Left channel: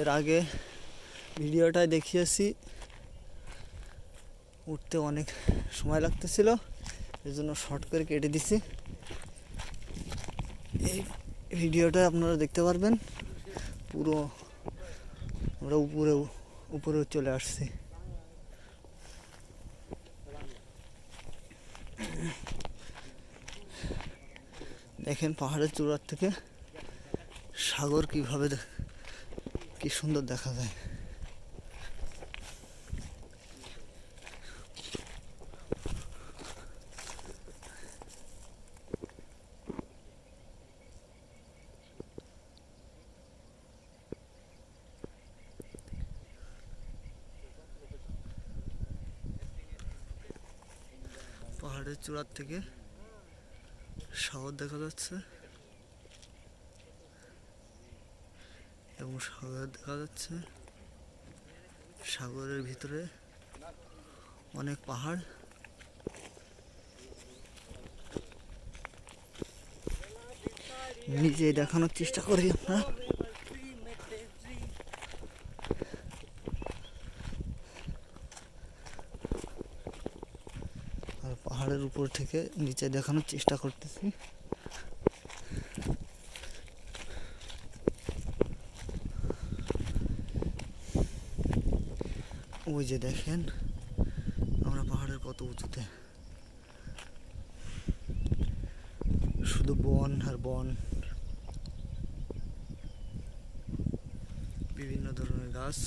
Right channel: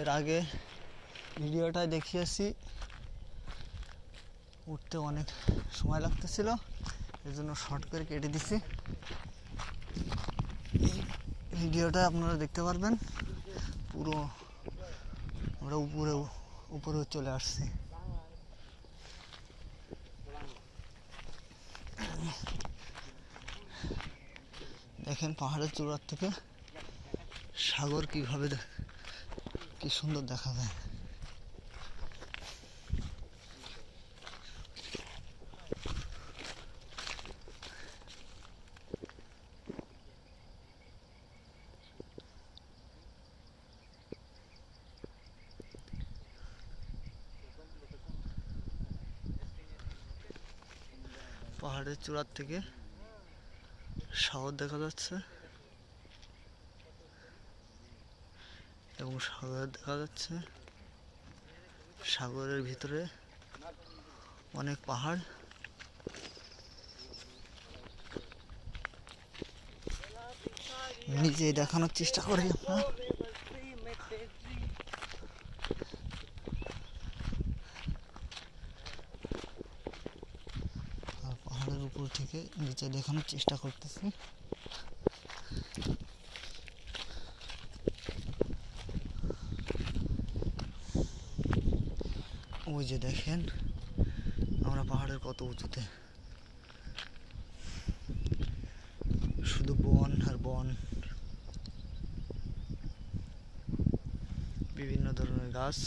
এর আগে ভিডিওটায় দেখিয়েছি, উঠতে অনেক সময় লাগতেছিল, এর জন্য শর্ট করে কেটে দিছি। এই ভিডিওটা আপনারা দেখতে পারবেন। পুরো আমরা উপরে চলে আসছি। দেখেন পাহাড়ের চূড়ার থেকে সাগর কিভাবে কি সুন্দর দেখা যায়। পাহাড়ের চূড়ার থেকে সাগর দেখা যাচ্ছে এবং সাগর দেখা যাচ্ছে। সাগরের ভিতরে অনেক পাহাড়। নিজে দেখানোর চেষ্টা করি আপনার। পাহাড়ের উপর থেকে নিচে দেখানোর চেষ্টা করতেছি। ওই যে দেখেন আমরা পাহাড়ের কত উঁচুতে, শুধু বন আর বন, বিভিন্ন ধরনের গাছ।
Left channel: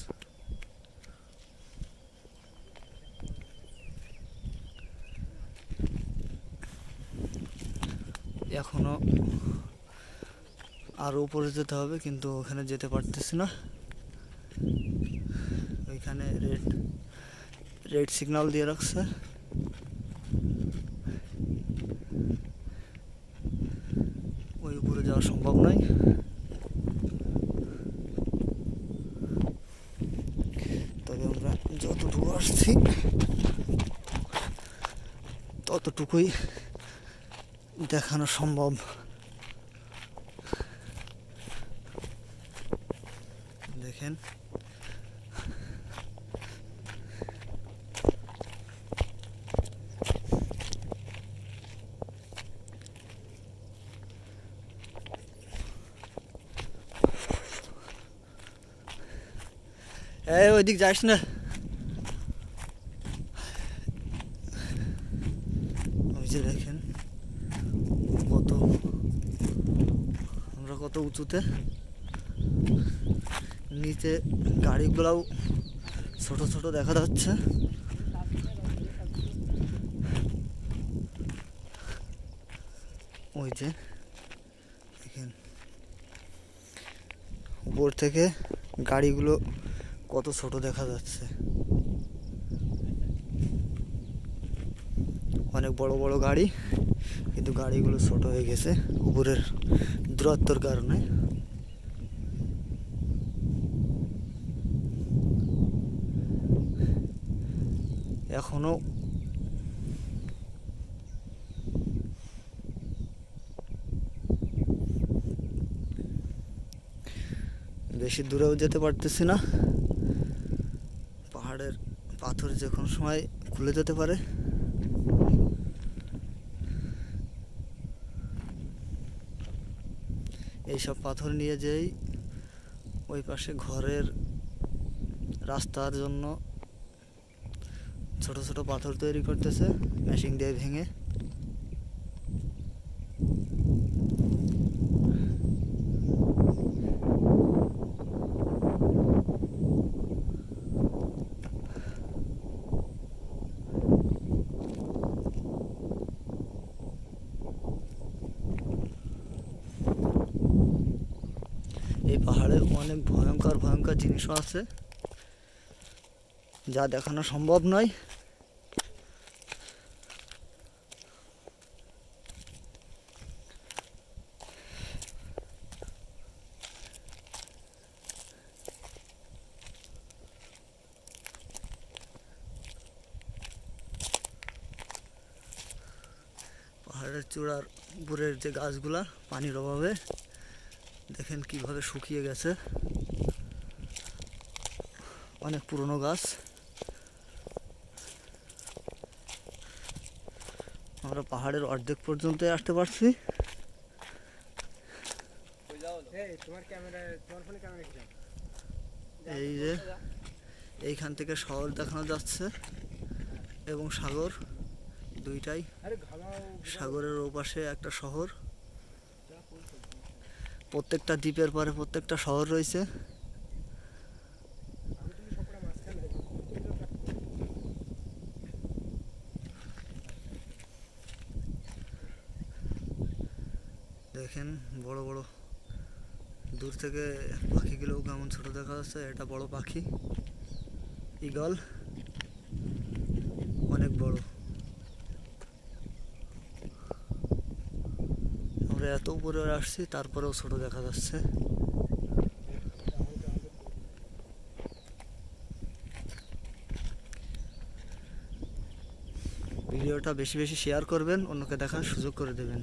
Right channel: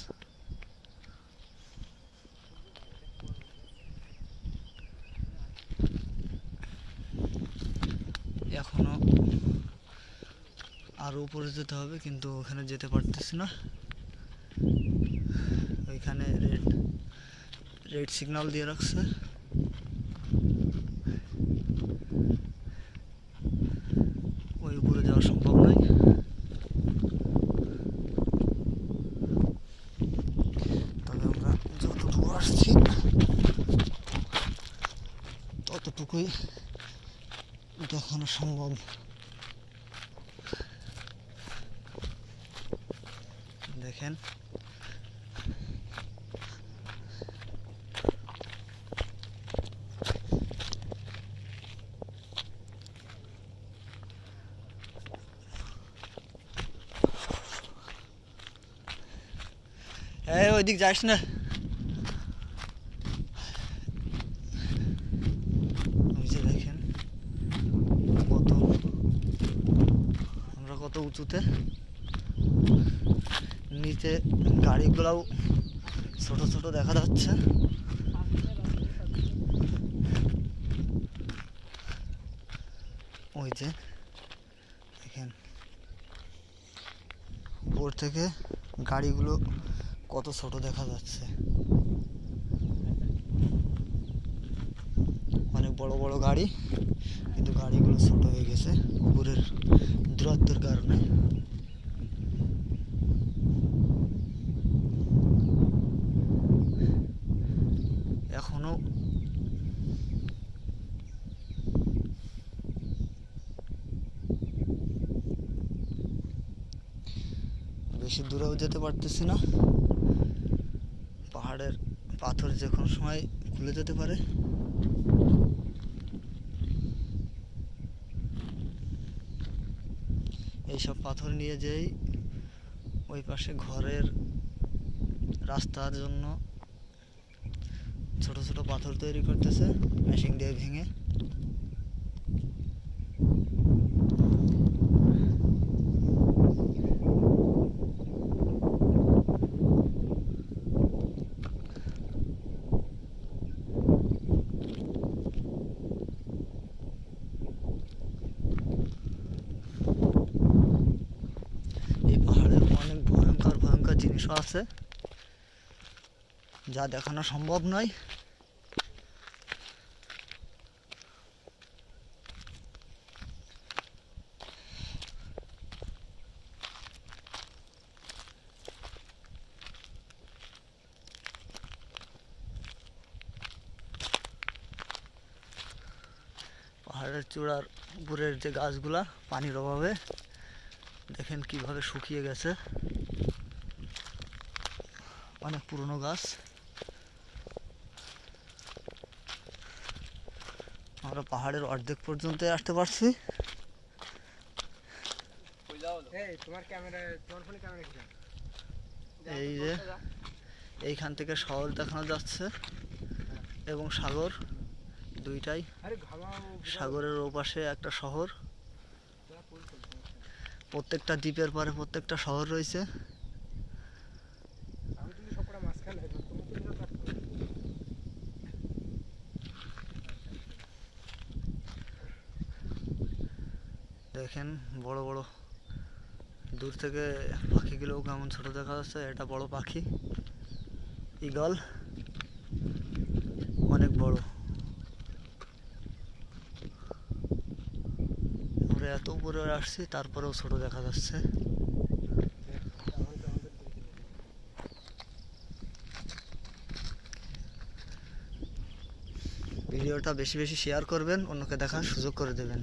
এখনো আরো উপরে যেতে হবে, কিন্তু ওখানে যেতে পারতেছি না। ওইখানে রেড সিগন্যাল দিয়ে রাখছে। ওই উপরে যাওয়া সম্ভব নয়। তবে আমরা যতটুকু আসছি ততটুকুই দেখানো সম্ভব। দেখেন ওইদিক যাস না। ওই যে দেখেন আমরা কত উঁচুতে। নিচে গাড়িগুলাও ছোট ছোট দেখা যাচ্ছে। ওই যে দেখেন উপর থেকে গাড়িগুলো কত ছোট দেখা যাচ্ছে। অনেক বড় বড় গাড়ি, কিন্তু গাড়িগুলো ছোট হয়ে গেছে উপরের দূরত্বর কারণে। এখনো বেশি দূরেও যেতে পারতেছি না। পাহাড়ের পাথর যে কোনো সময় খুলে যেতে পারে। এইসব পাথর নিয়ে যেই ওই পাশে ঘরের রাস্তার জন্য ছোট ছোট পাথর তৈরি করতেছে মেশিন দিয়ে ভেঙে। এই পাহাড়ের অনেক ভয়ঙ্কর ভয়ঙ্কর জিনিসও আছে, যা দেখানো সম্ভব নয়। পাহাড়ের চূড়ার উপরের যে গাছগুলা পানির অভাবে দেখেন কিভাবে শুকিয়ে গেছে। অনেক পুরনো গাছ। আমরা পাহাড়ের অর্ধেক পর্যন্ত আসতে পারছি। এই যে এইখান থেকে শহর দেখানো যাচ্ছে এবং সাগর, দুইটাই। সাগরের ওপাশে একটা শহর, প্রত্যেকটা দ্বীপের পরে প্রত্যেকটা শহর রয়েছে। দেখেন বড় বড়, দূর থেকে পাখিগুলোও কেমন ছোট দেখা যাচ্ছে। এটা বড় পাখি, ঈগল, অনেক বড়। আমরা এত উপরে আসছি তারপরেও ছোট দেখা যাচ্ছে। ভিডিওটা বেশি বেশি শেয়ার করবেন, অন্যকে দেখার সুযোগ করে দেবেন।